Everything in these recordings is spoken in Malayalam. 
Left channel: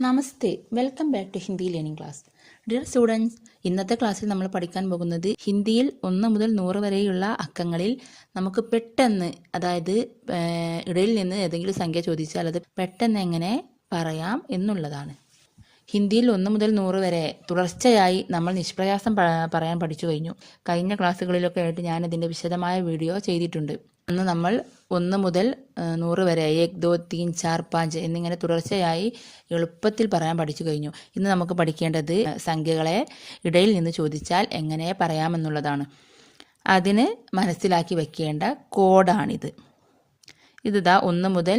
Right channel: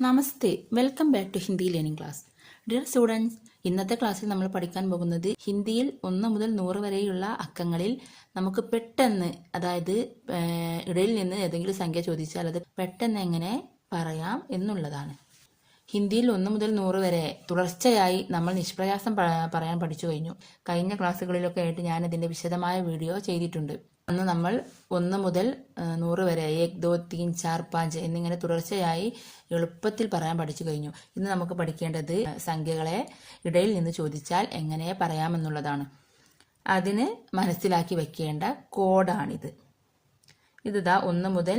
Namaste welcome back to Hindi learning class. Dear students ഇന്നത്തെ ക്ലാസ്സിൽ നമ്മൾ പഠിക്കാൻ പോകുന്നത് ഹിന്ദിയിൽ ഒന്ന് മുതൽ നൂറ് വരെയുള്ള അക്കങ്ങളിൽ നമുക്ക് പെട്ടെന്ന് അതായത് ഇടയിൽ നിന്ന് ഏതെങ്കിലും സംഖ്യ ചോദിച്ചാൽ അത് പെട്ടെന്ന് എങ്ങനെ പറയാം എന്നുള്ളതാണ്. ഹിന്ദിയിൽ ഒന്ന് മുതൽ നൂറ് വരെ തുടർച്ചയായി നമ്മൾ നിഷ്പ്രയാസം പറയാൻ പഠിച്ചു കഴിഞ്ഞു. കഴിഞ്ഞ ക്ലാസ്സുകളിലൊക്കെ ആയിട്ട് ഞാൻ ഇതിന്റെ വിശദമായ വീഡിയോ ചെയ്തിട്ടുണ്ട്. അന്ന് നമ്മൾ ഒന്ന് മുതൽ നൂറ് വരെ ഏക് ദോ തീൻ ചാർ പാഞ്ച് എന്നിങ്ങനെ തുടർച്ചയായി എളുപ്പത്തിൽ പറയാൻ പഠിച്ചു കഴിഞ്ഞു. ഇന്ന് നമുക്ക് പഠിക്കേണ്ടത് സംഖ്യകളെ ഇടയിൽ നിന്ന് ചോദിച്ചാൽ എങ്ങനെ പറയാമെന്നുള്ളതാണ്. അതിന് മനസ്സിലാക്കി വെക്കേണ്ട കോഡാണിത്. ഇതാ ഒന്ന് മുതൽ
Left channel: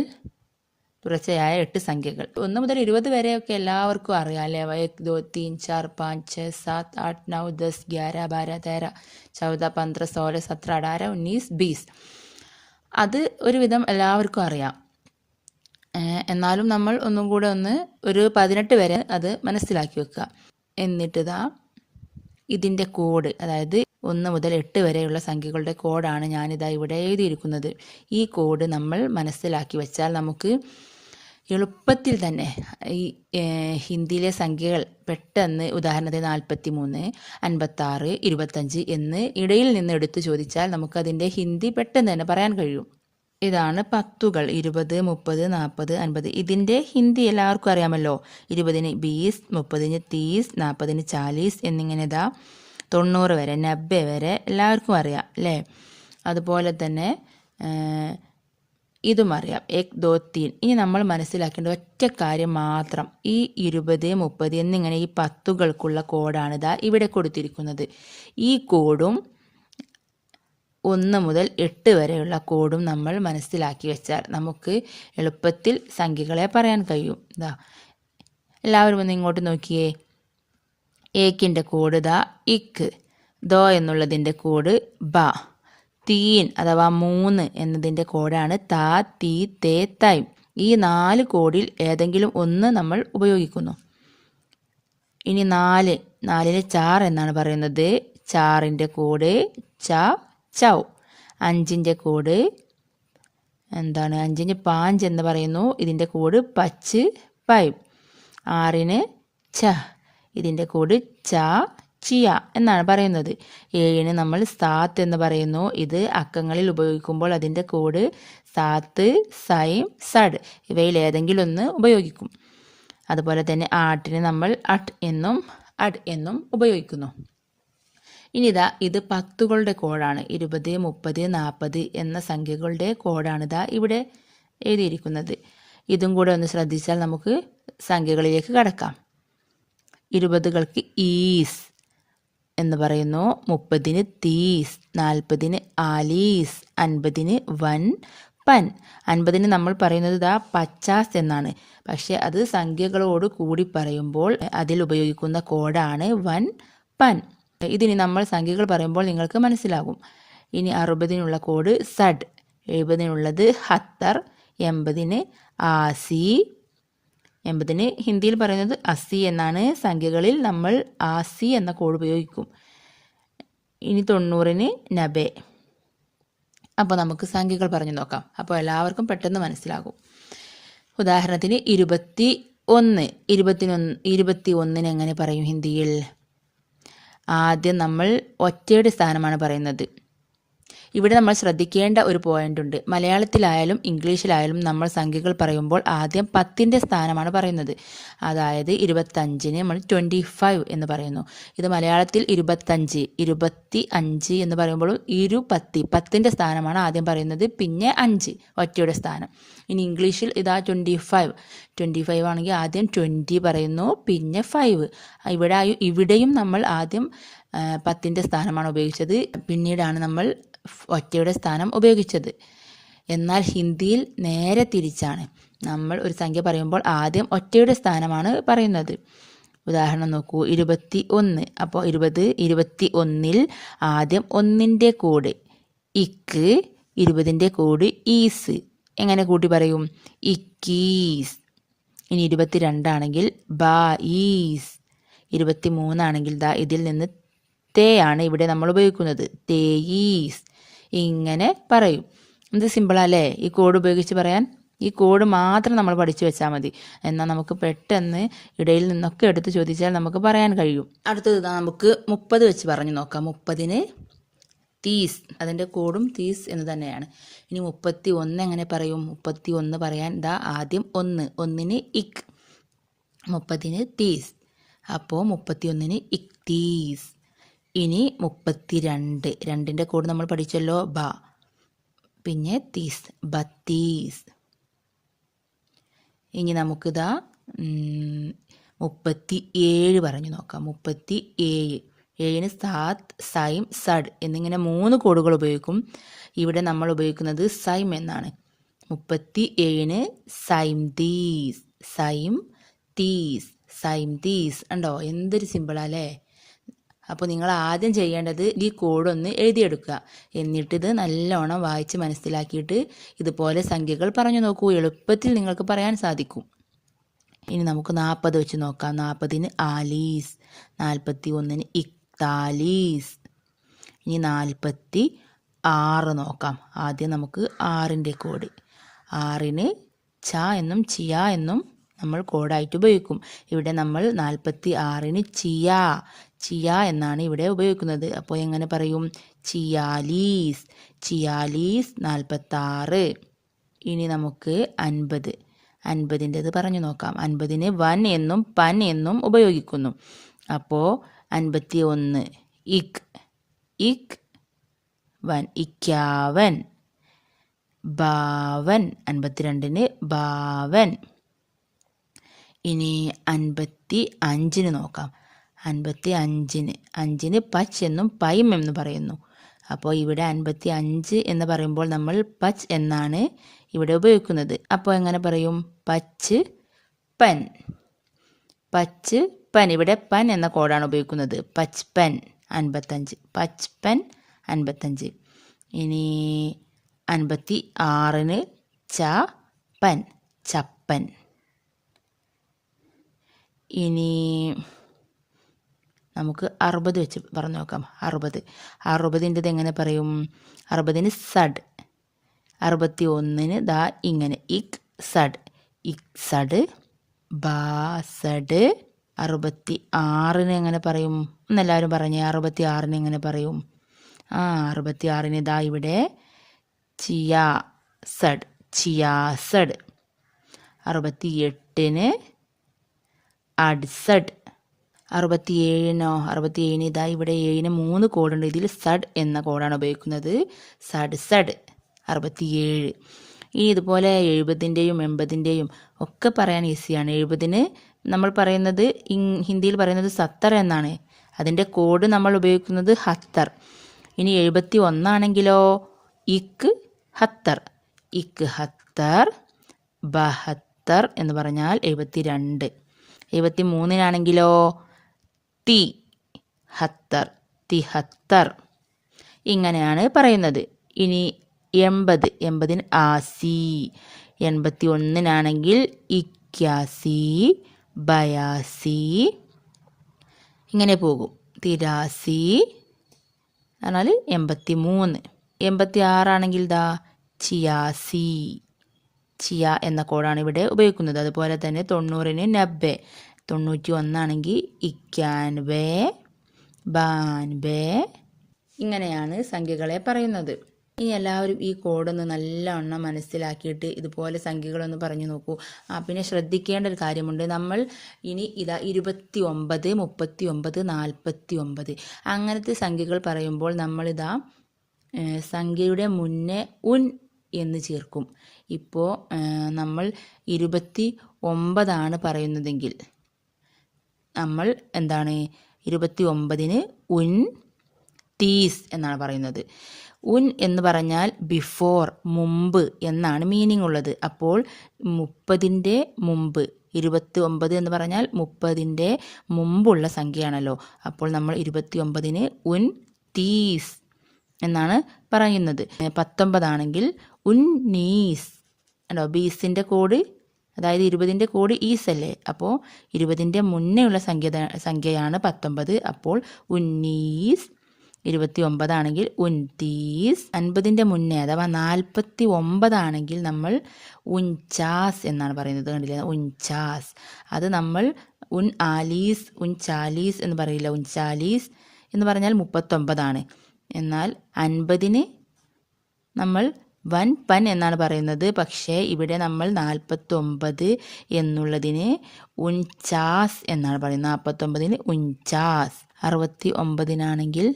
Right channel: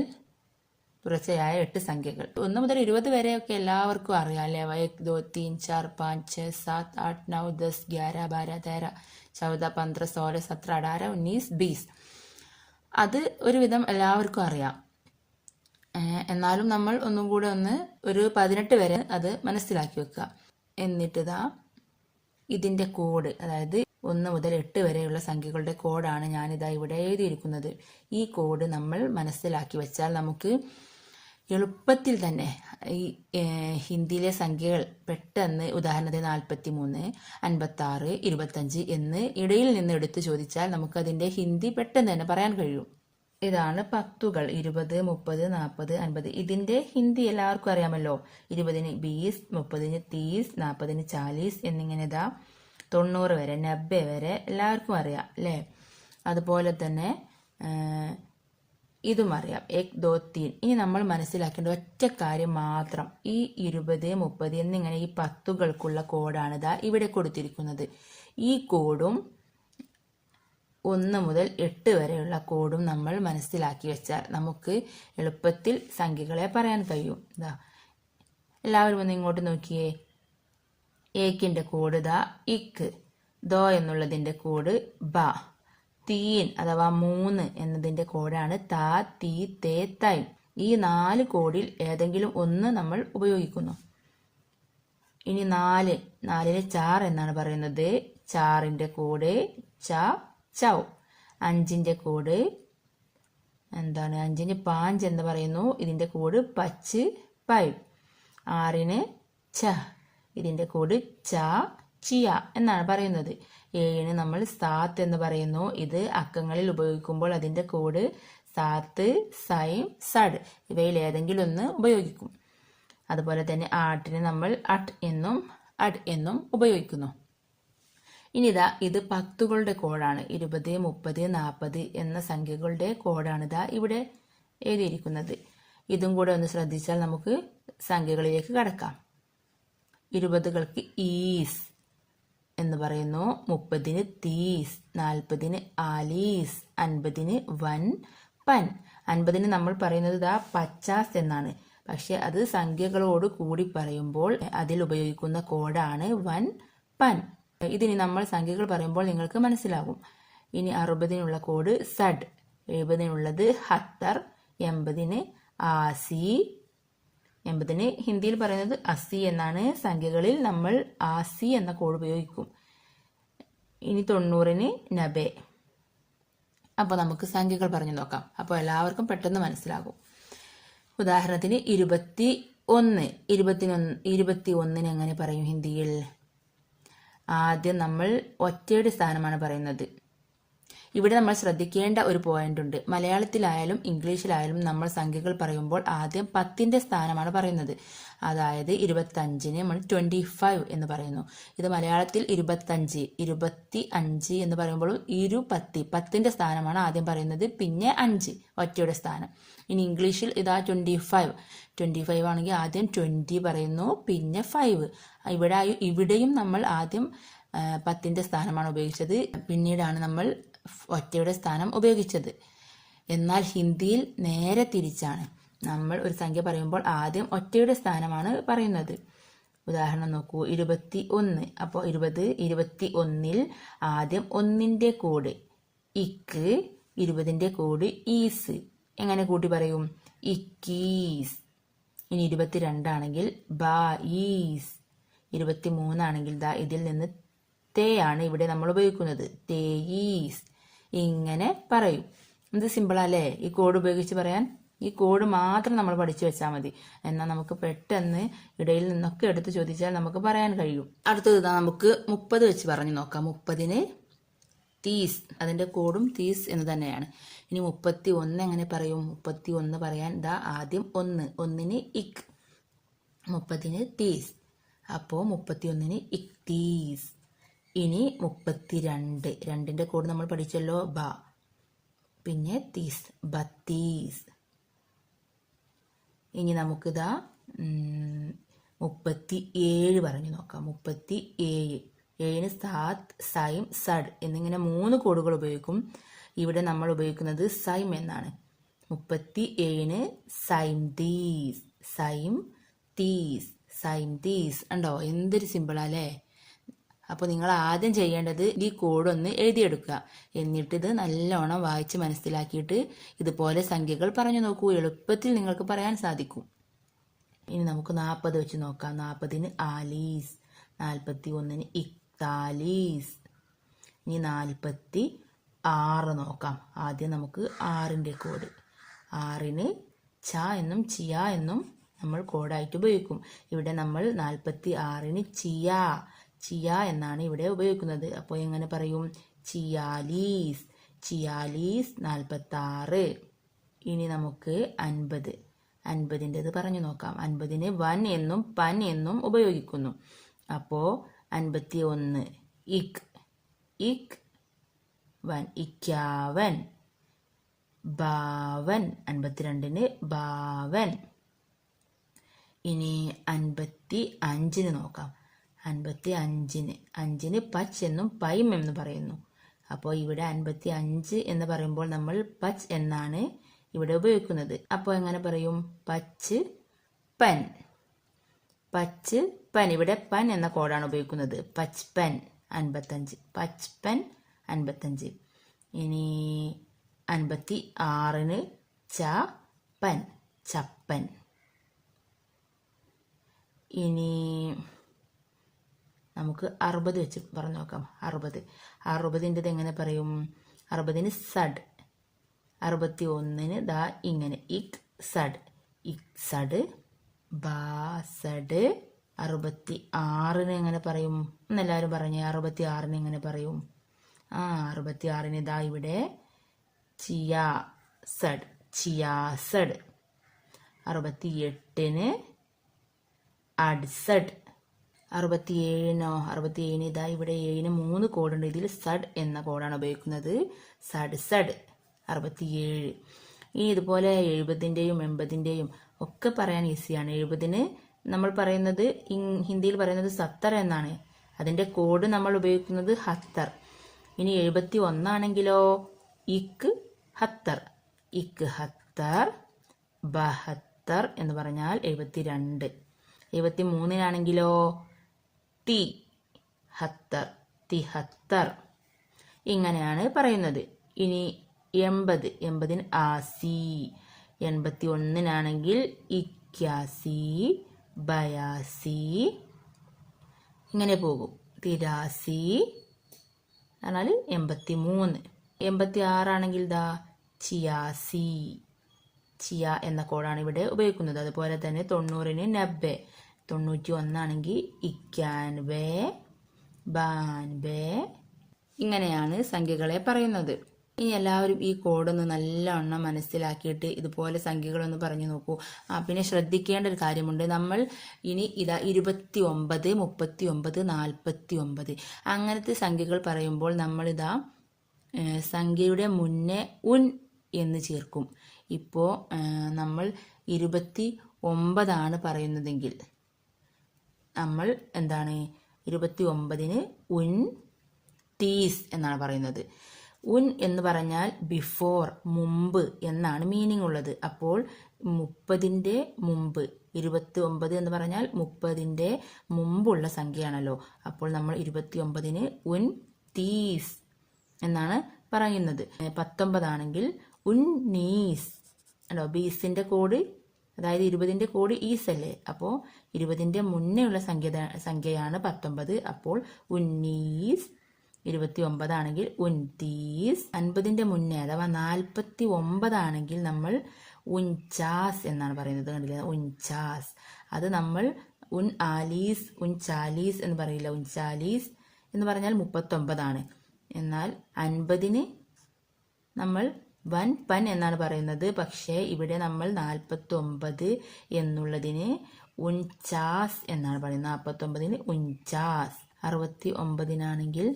തുടർച്ചയായ എട്ട് സംഖ്യകൾ. ഒന്ന് മുതൽ ഇരുപത് വരെയൊക്കെ എല്ലാവർക്കും അറിയാം അല്ലേ? എക് ദോ തീൻ ചാർ പാഞ്ച് ഛ സാത് ആട്ട് നൗ ദസ് ഗ്യാര ബാര തേര ചൗദ പന്ത്ര സോല സത്ര അടാര ഉന്നീസ് ബീസ്. അത് ഒരുവിധം എല്ലാവർക്കും അറിയാം. എന്നാലും നമ്മൾ ഒന്നും കൂടെ ഒന്ന് ഒരു പതിനെട്ട് വരെ അത് മനസ്സിലാക്കി വെക്കുക. എന്നിട്ട് ഇതാ ഇതിന്റെ കോഡ് അതായത് ഒന്ന് മുതൽ എട്ട് വരെയുള്ള സംഖ്യകളുടെ കോഡാണ് ഞാനിതാ ഇവിടെ എഴുതിയിരിക്കുന്നത്. ഈ കോഡ് നമ്മൾ മനസ്സിലാക്കി വെച്ചാൽ നമുക്ക് എളുപ്പത്തിൽ തന്നെ ഈ ഹിന്ദിയിലെ സംഖ്യകൾ പെട്ടെന്ന് ഉദാഹരണത്തിന് നാൽപ്പത്തി മൂന്ന് അൻപത്തി ആറ് ഇരുപത്തഞ്ച് എന്ന് ഇടയിൽ നിന്ന് എടുത്തു ചോദിച്ചാൽ നമുക്കതിന്റെ ഹിന്ദി പെട്ടെന്ന് തന്നെ പറയാൻ കഴിയും. ഇതാണ് പത്തുകൾ. ഇരുപത് മുപ്പത് നാൽപ്പത് അൻപത്. ഇതിന്റെ ഹിന്ദി എല്ലാവർക്കും അറിയാമല്ലോ. ഇരുപതിന് ബീസ് മുപ്പതിന് തീസ് നാൽപ്പതിന് ചാലീസ് എന്നിങ്ങനെ ഇതാ തൊണ്ണൂറ് വരെ നബ്ബെ വരെ എല്ലാവർക്കും അറിയാം അല്ലേ? അതുപോലെ തന്നെ ഇതും അറിയാം. എക് ദോ തീൻ. ഇനി നമ്മൾ മനസ്സിലാക്കേണ്ട ഒറ്റ കാര്യം മാത്രം. ഈ ഇരുപത് മുപ്പത് എന്നിങ്ങനെ ഈ പത്തുകൾക്കുള്ള കോഡാണ് ഇതാ ഇവിടെ കൊടുത്തിരിക്കുന്നത്. ഈ കോഡും ഒന്ന് മുതൽ എട്ട് വരെയുള്ള കോഡും നമ്മൾ മനസ്സിലാക്കി വെച്ചാൽ നമുക്ക് എളുപ്പത്തിൽ സംഖ്യകളെ പറയാൻ കഴിയും. ഇതാ. എല്ലാവരും ഒന്ന് ഇങ്ങോട്ട് നോക്കിയേ. ഏക്കിന്റെ കോഡ് ദാ ഇക്ക്. ദോ എന്നുള്ളതിന്റെ കോഡ് ബ. തീൻ അഥവാ മൂന്ന് എന്നതിന്റെ കോഡാണ് താ തീ തേ തൈ. ഈ നാല് കോഡിൽ ഏതെങ്കിലും ഒന്ന് നമ്മൾ ഉപയോഗിക്കുന്നു. ഇനി നാല് നാലിന് ചാർ എന്നാണ് പറയുന്നത്. ചാറിന്റെ കോഡ് ച ചൗ. അഞ്ചിന്റെ കോഡ് എന്താണ്? അഞ്ചിന് പാഞ്ച് എന്ന് പറയുന്നു. ഇതിന്റെ കോഡ് പച്ച് പൈ. ആറിന് ച. ഇതിന്റെ കോഡ് ച ചിയ എന്നാണ് പറയുന്നത്. ഏഴിന് നമ്മൾ സാത്ത് എന്ന് പറയുന്നു. ഇത് അക്കങ്ങളിൽ ഉപയോഗിക്കുമ്പോൾ അതിന്റെ കോഡ് സാത്ത് സൈം സഡ് ഇവയിൽ ഏതെങ്കിലും ഒന്ന് ഉപയോഗിക്കും. അതുപോലെ തന്നെ ആട്ടിന് നമ്മൾ അട്ട് എന്നും അഡ് എന്നും ഉപയോഗിക്കുന്നു. ഇനി ഇതാ ഇത് പത്തുകളുടെ കോഡാണ്. ഇരുപത് മുപ്പത് നാൽപ്പത് എന്ന സംഖ്യകളുടെ കോഡാണ് ഇതാ ഇവിടെ എഴുതിയിരിക്കുന്നത്. ഇതും കൂടെ ഒന്ന് ശ്രദ്ധിച്ചാൽ നമുക്ക് സംഖ്യകളിലേക്ക് കടക്കാം. ഇരുപതുകൾക്ക് ഈസ്. എന്ന് പറയുന്നു. മുപ്പതിന് തീസ് നാൽപ്പതിന് ആലീസ് അൻപതിന് വൻ പൻ. അൻപതിന് നമ്മൾ പറയുന്നത് ദാ പച്ചാസ് എന്നാണ്. പക്ഷെ അത് സംഖ്യകളോട് കൂടി പറയുമ്പോൾ അതിൽ ഉപയോഗിക്കുന്ന കോഡാണ് വൻ പൻ. ഇതിനി നമ്മൾ സംഖ്യകൾ പറയുമ്പോൾ നിങ്ങൾക്ക് മനസ്സിലാകും. ഇനി അറുപതിനുള്ള കോഡ് സഡ് എഴുപതിനുള്ളത് ഹത്തർ എൺപതിന് ആസി എൺപതിന് ഹിന്ദിയിൽ പറയുന്നത് അസി എന്നാണ്. സംഖ്യകളിൽ നമ്മൾ ആസി എന്ന കോഡ് ഉപയോഗിക്കും. ഇനി തൊണ്ണൂറിന് നബെ. അപ്പോൾ നമുക്ക് സംഖ്യകൾ പറഞ്ഞു നോക്കാം. അപ്പോൾ എല്ലാവർക്കും പെട്ടെന്ന് മനസ്സിലാകും. ഉദാഹരണത്തിന് ഇരുപത്തി ഒന്ന് ഇരുപത്തിനൊന്ന് ഇരുപത്തി ഒന്നിന് എങ്ങനെ പറയും ഹിന്ദിയിൽ? ആദ്യം നമ്മൾ ഒറ്റയുടെ സ്ഥാനമാണ് പറയുന്നത്. ഇവിടെ നമ്മൾ ശ്രദ്ധിക്കേണ്ട ഒരു പോയിന്റ് ഉണ്ട്. മലയാളത്തിലായാലും ഇംഗ്ലീഷിലായാലും നമ്മൾ സംഖ്യകൾ പറയുമ്പോൾ ആദ്യം പത്തിന്റെ സ്ഥാനമാണ് പറയുന്നത്. അതായത് ഇരുപത്തഞ്ചിന് നമ്മൾ ട്വന്റി ഫൈവ് എന്ന് പറയുന്നു. ഇത് മലയാളത്തിൽ ഇരുപത്തഞ്ച് ഇരുപത്തി അഞ്ച് എന്ന് പറയുമ്പോഴും ഇരു പത്തി പത്തിന്റെ സ്ഥാനമാണ് ആദ്യം പറയുന്നത്. പിന്നെ അഞ്ച് ഒറ്റയുടെ സ്ഥാനം. ഇനി ഇംഗ്ലീഷിൽ ഇതാ ട്വന്റി ഫൈവ് ട്വന്റി ഫൈവ് ആണെങ്കിൽ ആദ്യം ട്വന്റി പറയുന്നു പിന്നെ ഫൈവ് ഇവിടെ ഇവിടെയും നമ്മൾ ആദ്യം പത്തിന്റെ സ്ഥാനമാണ് ഉപയോഗിച്ചത്. പിന്നീടാണ് നമ്മൾ ഒറ്റയുടെ സ്ഥാനം ഉപയോഗിച്ചത്. എന്നാൽ ഹിന്ദിയിൽ നേരെ തിരിച്ചാണ്. നമ്മൾ ഒരു സംഖ്യ പറയുമ്പോൾ ആദ്യം ഒറ്റയുടെ സ്ഥാനമാണ് പറയുന്നത്. ഉദാഹരണം നോക്കൂ ഇരുപത്തി ഒന്ന് അപ്പോൾ ഇരുപത് ഇരുപത്തി ഒന്നിൽ ആദ്യം ഒന്നിന്റെ കോഡ് ഇക്ക് ഇരുപതിന്റെ കോഡ് ഈസ്. എങ്ങനെ കൂട്ടി പറയും? ഇക്കീസ്. ഇനി ഇരുപത്തി രണ്ടാണെങ്കിൽ ബാ ഈസ്. ഇരുപത്തി മൂന്നാണെങ്കിൽ ദാ ഇതിൽ നിന്ന് തേ ആണ് ഇവിടെ നമ്മൾ ഉപയോഗിക്കുന്നത്. തേയീസ് ഇങ്ങനെ പറയും. എന്ത് ഇത് സിമ്പിളല്ലേ ഈ കോഡ് ഉപയോഗിച്ച് പറയാൻ? ഈ കോഡ് മാത്രം നമ്മൾ പഠിച്ചു വെച്ചാൽ മതി. എന്നാൽ നമുക്ക് പെട്ടെന്ന് ഇടയിൽ നിന്നൊക്കെ എടുത്ത് ചോദിച്ചാൽ നമുക്ക് പറയാൻ കഴിയും. അടുത്തത് നമുക്ക് മുപ്പത് വെച്ച് പറഞ്ഞു നോക്കാം. മുപ്പതിന് തീസ് അതിന്റെ കോഡും തീസ് എന്ന് തന്നെയാണ്. ഇനി മുപ്പത്തി ഒന്ന് എങ്ങനെ പറയും? മുപ്പത്തി ഒന്ന് പറയാൻ ഇതാ ആദ്യം ഒന്ന്. ഒന്നിന് ഇക് മുപ്പതിന് തീസ് അപ്പോൾ മുപ്പത്തി ഒന്നിന് ഇക്തീസ് ഇനി മുപ്പത്തി രണ്ട് രണ്ടിന്റെ കൂടെ നമ്മൾ പഠിച്ചല്ലോ. ബ. പിന്നെ തീസ്. ബത്തീസ്. ഇനി നമുക്കിതാ മുപ്പത്തി ഏഴ് പറഞ്ഞു നോക്കാം. മുപ്പത്തി ഏഴ് ഏഴിന് സാത്ത് സൈം സഡ് എന്നിങ്ങനെ മൂന്ന് കോഡുകൾ ഉപയോഗിക്കും. ഇവിടെ നമ്മൾ ഉപയോഗിക്കുന്നത് സൈം എന്നാണ്. മുപ്പത്തി ഏഴിന് സൈം തീസ് സൈം തീസ് സൈം തീസ് ഉണ്ടോ എന്തൊരു സിമ്പിളാല്ലേ അപ്പോൾ നിങ്ങൾ ആദ്യം ചെയ്യേണ്ടത് ഈ കോഡ് ഒന്ന് എഴുതിയെടുക്കുക. എന്നിട്ടിത് നല്ലോണം വായിച്ച് മനസ്സിലാക്കിയിട്ട് ഇതുപോലെ സംഖ്യകൾ പറഞ്ഞു നോക്കൂ. എളുപ്പത്തിൽ നിങ്ങൾക്ക് പറയാൻ സാധിക്കും. ഇനി നമുക്ക് നാൽപ്പത് വെച്ച് നോക്കാം. നാൽപ്പതിന് ആലീസ് നാൽപ്പത്തി ഒന്നിന് ഇക്താലീസ്. ഇനി നാൽപ്പത്തി ആറ് നോക്കാം. ആദ്യം നമുക്ക് ആറിന്റെ കോഡ്. ആറിന് ച എന്നും ചിയ എന്നും നമ്മൾ കോഡായിട്ട് ഉപയോഗിക്കും. ഇവിടെ നമ്മൾ നാൽപ്പത്തി ആറിന് ചിയ. ചിയ എന്നാണ് ഇവിടെ ഉപയോഗിക്കുന്നത്. അപ്പോൾ എങ്ങനെ പറയും? ചിയാലീസ്. ചിയാലീസ് നാൽപ്പത്താറ് ഇനി നമുക്ക് അൻപത്. അൻപതിന്റെത് പറഞ്ഞു നോക്കാം. അൻപതിന് വൻ എന്നും പൻ എന്നും ഉപയോഗിക്കുന്നു. അപ്പോൾ അൻപത്തി ഒന്ന് ഇക്. ഇക്. വൻ. ഇക്യാവൻ. ഭാവൻ അൻപത്തിരണ്ടിന് ബാവൻ. ഇനി അൻപത്തി അഞ്ചിന് നോക്കാം. അൻപത്തി അഞ്ചിന്. അഞ്ചിന് പച്ച് എന്നും പൈം എന്ന് പറയുന്നു. അപ്പോൾ ഇവിടെ അൻപത്തി അഞ്ച് എന്ന് പറയുമ്പോൾ നമ്മൾ പച്ച് എന്നാണ് ഇവിടെ ഉപയോഗിക്കുന്നത്. അപ്പോൾ എങ്ങനെ പറയും? പച്ച് പൻ. പച്ച് പൻ. ഇവിടെ പൻ എന്ന കോഡാണ് ഉപയോഗിക്കുന്നത്. പച്ച് പൻ അൻപത്തഞ്ച്. പച്ച് പൻ അൻപത്തഞ്ച്. ഇനി അൻപത്തി ആറിന് ച പൻ. ചപ്പൻ. ഇനി നമുക്ക് അറുപത് വെച്ച് പറഞ്ഞു നോക്കാം. അറുപത്. അറുപതിന്റെത് എങ്ങനെ പറയും? അറുപതിന് സഡ്. അറുപത്തി ഒന്നിന് ദാ ഇങ്ങനെ. ഇക് സഡ്. ഇക് സഡ്. ബാ സഡ്. അറുപത്തി ആറിന് എങ്ങനെ പറയും? എന്നെല്ലാവരും പറഞ്ഞേ അറുപത്തി ആറിന് എങ്ങനെ പറയും? ആ അറുപത്തി ആറിന് ഇതാ ഇവിടെ ചിയാ സഡ്. Chia Z. അറുപത്തി എട്ടിന് അഡ്സഡ്. അറുപത്തി ഏഴിനോ അറുപത്തി ഏഴിന് ഇതാ ഇവിടെ ഏഴിന് മൂന്ന് കോഡുണ്ട്. ഇതിൽ സഡ് എന്ന കോഡാണ് ഉപയോഗിക്കുന്നത്. സഡ് സഡ്. അറുപത്തിയേഴ്. ഇനി ഇതുപോലെ എഴുപതിന്റെയും എൺപതിന്റെയും ഒക്കെ പറയാൻ ഈസിയാണ്. എഴുപതിന് നമ്മൾ പറയുന്നത് ഹിന്ദിയിൽ പറയുന്നത് സത്തർ എന്നാണ്. അതിന്റെ കോഡ് നമ്മൾ ഉപയോഗിക്കുന്നത് ഹത്തർ. ഇനി എഴുപത്തി ഒന്നാണെങ്കിലോ? ഇക്ക് ഹത്തർ. ഇക്ക് ഹത്തർ ബഹത്തർ എന്ന് പറഞ്ഞാൽ എഴുപത്തി രണ്ട് എഴുപത്തി മൂന്നിനാണെങ്കിലോ തി ഹത്തർ. തിഹത്തർ ഇങ്ങനെയാണ് പറയുന്നത്. ഇനി എൺപത് എൺപതിന് ആസി. എൺപത്തി ഒന്നിനാണെങ്കിൽ ഇക്യാസി ബയാസി. ഇങ്ങനെ പോകും. തിരാസി എന്നാൽ എൺപത്തി മൂന്ന് എൺപത്തി ആറാണെങ്കിൽ ദാ ചിയാസി. ചിയ എന്ന കോഡാണ് ഇവിടെ ഉപയോഗിക്കുന്നത്. അതുപോലെ തന്നെ തൊണ്ണൂറിന് നബ്ബെ. തൊണ്ണൂറ്റി ഒന്നാണെങ്കിൽ ഇക്യാൻബെ ബാൻബെ ഇങ്ങനെയാണ് സംഖ്യകളെ പറയുന്നത്. ഇനി എല്ലാവരും ഈ കോഡൊന്ന് നല്ലവണ്ണം മനസ്സിലാക്കിയിട്ട് ഇതുപോലെ സംഖ്യകളൊന്ന് പറഞ്ഞു നോക്കൂ. ആ പിന്നെ ശ്രദ്ധിക്കേണ്ട ഒരു കാര്യമുണ്ട്. നമ്മൾ ഇനി ഇതാ ഇരുപത്തി ഒമ്പത് മുപ്പത്തി ഒമ്പത് നാൽപ്പത്തി ഒമ്പത് അങ്ങനത്തെ സംഖ്യകൾ പറയുമ്പോൾ നമ്മളിതാ സംഖ്യയുടെ മുന്നേ ഉൻ എന്ന് ചേർക്കും. ഇപ്പോൾ നമ്മൾ ഇരുപത്തി ഒമ്പതാണ് പറയുന്നതെങ്കിൽ നമ്മൾ എന്താണ് ഇരുപത്തി ഒമ്പതിന് ഉൻ തീസ് എന്നാണ് പറയുന്നത്. ഉൻ എന്ന് പറഞ്ഞാൽ ബിഫോർ മുമ്പ് എന്നാണ് മീനിങ് ഉള്ളത്. അപ്പോൾ മുപ്പതിന്റെ മുമ്പ് ഇരുപത്തി ഒമ്പത് എന്ന് പറഞ്ഞാൽ മുപ്പതിന്റെ മുമ്പുള്ള സംഖ്യയാണല്ലോ. അപ്പോൾ നമ്മൾ ഇരുപത്തി ഒമ്പതിന് ഉൻ തീസ് എന്നാണ് പറയുന്നത്. പത്തൊമ്പതാണെങ്കിൽ ഉൻ നീസ്. അല്ലോ ബീസിന്റെ കോഡ് അതായത് ഇരുപതിന്റെ കോഡ് ഈസ് അല്ലേ അപ്പോൾ ഇരുപതിന്റെ മുന്നേ ഉള്ള സംഖ്യ സംഖ്യയാണ് പത്തൊമ്പത്. അപ്പോൾ ഉന്നീസ് ഇരുപത്തി ഒമ്പതാണെങ്കിൽ ഉൻതീസ് അൻപതിന്റെ മുന്നേ അഥവാ നാൽപ്പത്തി ഒമ്പതാണെങ്കിൽ നമ്മൾ ഉൻചാസ് എന്നാണ് പറയുന്നത്. കണ്ടില്ല? ഉൻചാസ്. അത് നമ്മൾ ഉൻ ആലീസ് ഉൻ ചാലീസ് എന്ന് പറയില്ല. ഉൻ ചാലീസ് എന്ന് പറഞ്ഞാൽ മുപ്പത്തൊമ്പതാണ്. എന്നാൽ അൻപതിന് നമ്മൾ വൻ പൻ എന്നാണ് പറയുന്നത്. പക്ഷേ ഇവിടെ നമ്മൾ നാൽപ്പത്തൊമ്പത് എന്നുള്ളതിന് ഉൻചാസ് എന്നാണ് പറയുന്നത്. നാൽപ്പത്തൊമ്പതിന് ഉൻചാസ്. അറുപത്തി ഒമ്പതിനാണെങ്കിൽ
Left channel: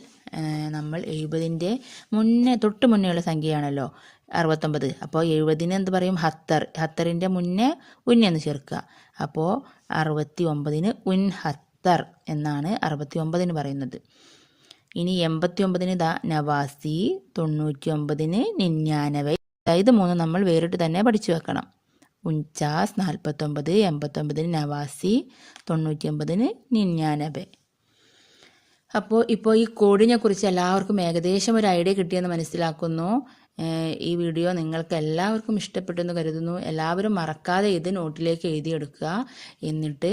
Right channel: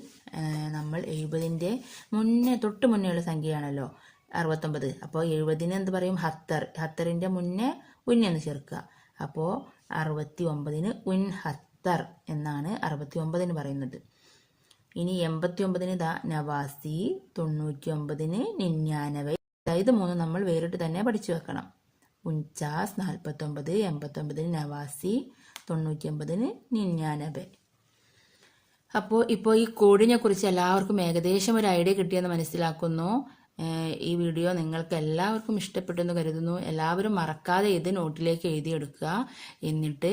നമ്മൾ എഴുപതിന്റെ മുന്നേ തൊട്ട് മുന്നേയുള്ള സംഖ്യയാണല്ലോ. അറുപത്തൊമ്പത്. അപ്പോൾ എഴുപതിന് എന്ത് പറയും? ഹത്തർ. ഹത്തറിന്റെ മുന്നേ ഉന്നെന്ന് ചേർക്കുക. അപ്പോൾ അറുപത്തി ഒമ്പതിന് ഉൻ ഹത്തർ എന്നാണ് അറുപത്തി ഒമ്പതിന് പറയുന്നത്. ഇനി എൺപത്തി ഒമ്പതിന് ദ നവാസി തൊണ്ണൂറ്റി ഒമ്പതിന് നിന്യാനവൈ അതായത് മൂന്ന് നമ്മൾ വേറിട്ട് തന്നെ പഠിച്ചു വെക്കണം. ഉൻചാസ് നാൽപ്പത്തൊമ്പത് എൺപത്തൊമ്പതിന് നവാസി തൊണ്ണൂറ്റി ഒമ്പതിന് നിന്യാനവെ. അപ്പോൾ ഇപ്പോൾ ഈ കോഡിനെ കുറിച്ച് എല്ലാവർക്കും ഏകദേശം ഒരു ഐഡിയ കിട്ടിയെന്ന് മനസ്സിലാക്കുന്നു. ഈ വീഡിയോ നിങ്ങൾക്ക് എല്ലാവർക്കും ഇഷ്ടപ്പെട്ടെന്ന് കരുതുന്നു. എല്ലാവരും മറക്കാതെ ഇത് നോട്ടിലേക്ക് എഴുതിയെടുക്കുക. എന്നിട്ട്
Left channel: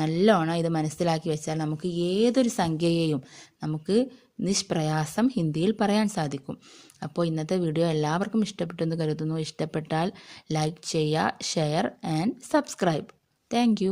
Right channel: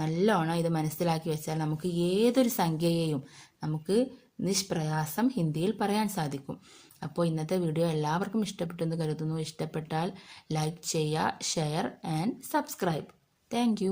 നല്ലോണം ഇത് മനസ്സിലാക്കി വെച്ചാൽ നമുക്ക് ഏതൊരു സംഖ്യയെയും നമുക്ക് നിഷ്പ്രയാസം ഹിന്ദിയിൽ പറയാൻ സാധിക്കും. അപ്പോൾ ഇന്നത്തെ വീഡിയോ എല്ലാവർക്കും ഇഷ്ടപ്പെട്ടെന്ന് കരുതുന്നു. ഇഷ്ടപ്പെട്ടാൽ ലൈക്ക് ചെയ്യുക ഷെയർ ആൻഡ് സബ്സ്ക്രൈബ്. താങ്ക്